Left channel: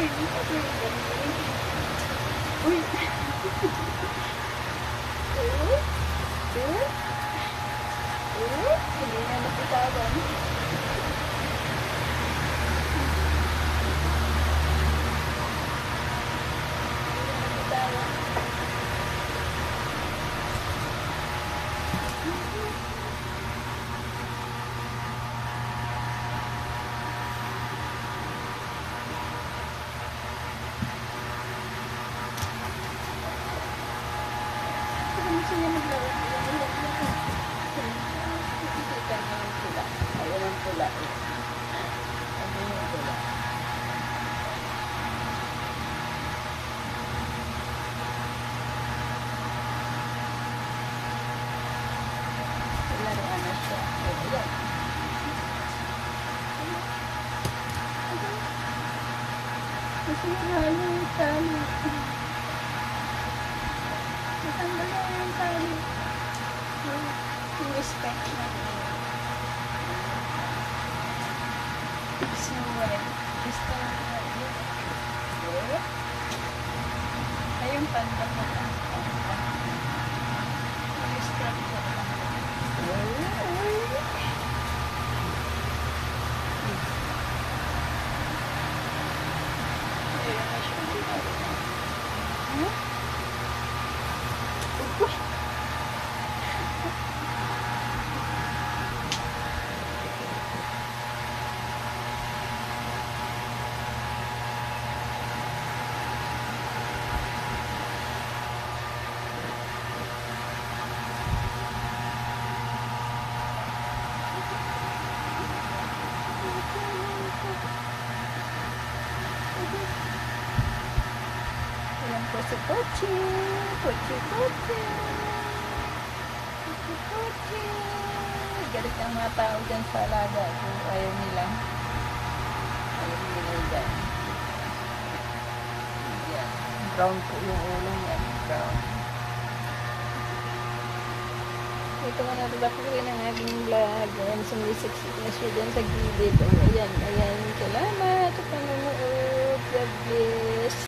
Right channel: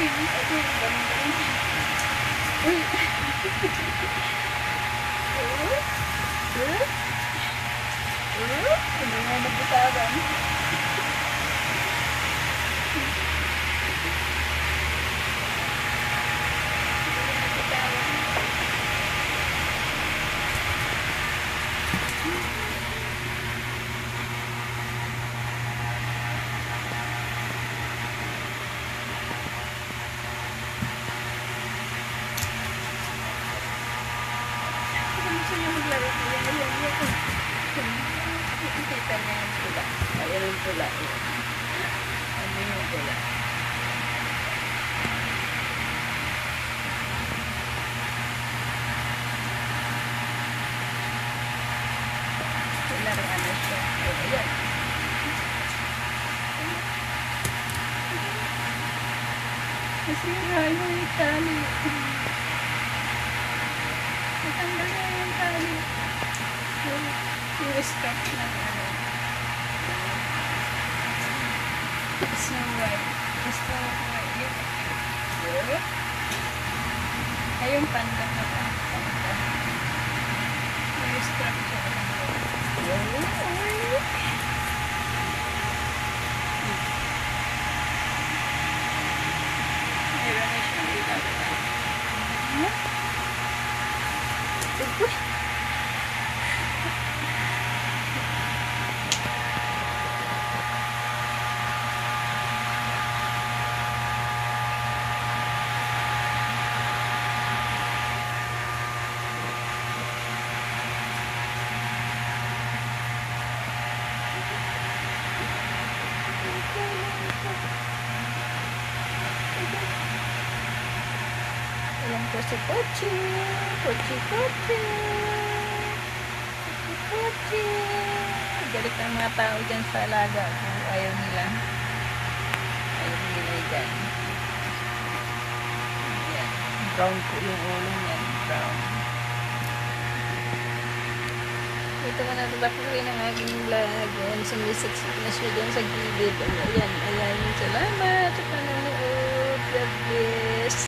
Uy, galing. Uy. Hindi nga napisaban. Gusto niya maglaro. Ayan. Nakikita niya yung pula. Ayan ang pula. Ano yung pula? Laruan na siya. Ayan. Nasira yung tali. Natanggal na yung tali. Yung stock na so, gusto na yun. Ayun, panda na lang. Yung stock na lang. Meron na siya ginagawa. Uy! Ayan po si Pochi. Pochi. Galit ang mga tao dyan sa alaga kung ayaw nila. Ayaw nila dyan. Ayan. Brown po yung ulo niyan. Brown. Ito ko natatapusin ang aking vlog. Ayan, sumisiksik na siya dyan sa gilid. Ayan. Salamat sa panonood. God bless.